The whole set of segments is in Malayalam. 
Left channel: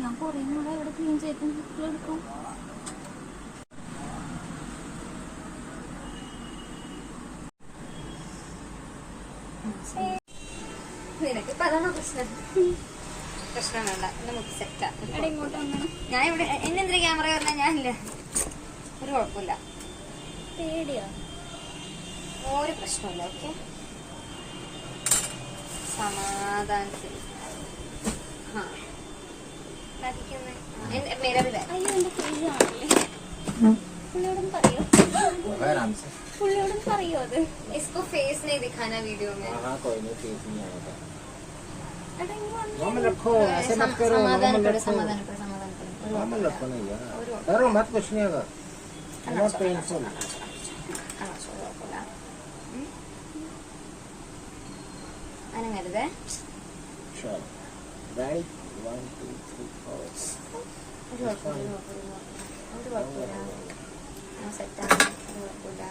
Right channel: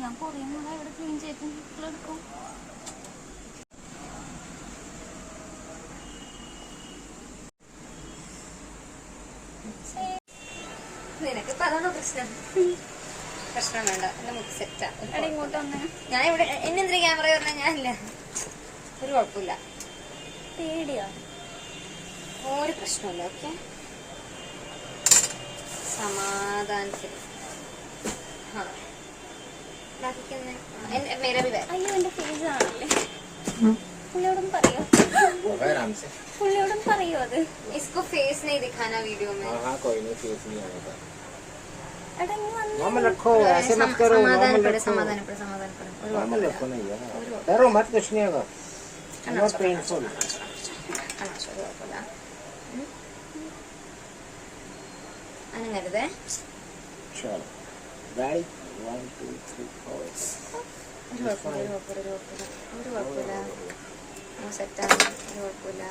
ഞാൻ കുറേ നാളെ ഇവിടെ ക്ലീൻ ചെയ്തെടുക്കും. നിനക്ക് അതാണോ പ്രശ്നം? പ്രശ്നം വേണ്ട, സെറ്റാ. എവിടെ ഇങ്ങോട്ട് വന്നേ? ഞാൻ ഇവിടെ എന്നെന്തിനാ ക്യാമറ പറഞ്ഞാൽ ഞാനില്ല. ഒരു കുഴപ്പമില്ല. പേടിയോ? ഒരു പ്രശ്നമില്ല. ഓക്കെ, സമാധാനത്തിൽ. അയ്യോ, എന്റെ ഫേസ് ആണല്ലേ. പുള്ളിയോടും പറയോ? പുള്ളിയോടും പറയോ അത്? इसको फेस नहीं दिखाना वीडियो में. हाँ, कोई नहीं, फेस नहीं आएगा. नॉर्मल रखो, ऐसे मत करो. समाधान पड़े. नॉर्मल रखो ना यार, डरो मत, कुछ नहीं होगा. Not painful. അങ്ങനെ വരുതേ. Sure. Ready? 1 2 3 4. ഒരു കുഴപ്പമില്ല. സെറ്റാണ്, ഒരു കുഴപ്പമില്ല.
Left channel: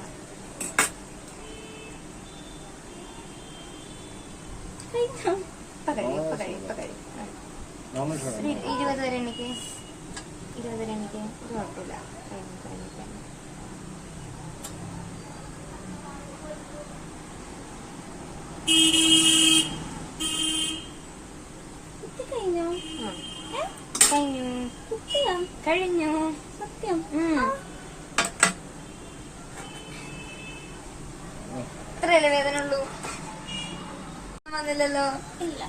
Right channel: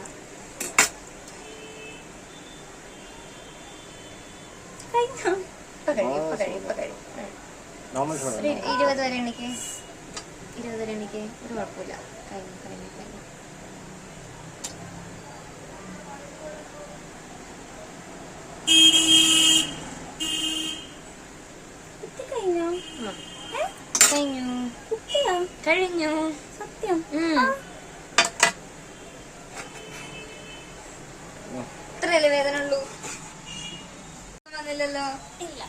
നോർമൽ 20 വരെ എനിക്ക് ഒരു കുഴപ്പമില്ല. കഴിഞ്ഞു സത്യം. ഇത്രയല്ലേ വേദന ഉള്ളൂ? വന്നില്ലല്ലോ. ഇല്ല.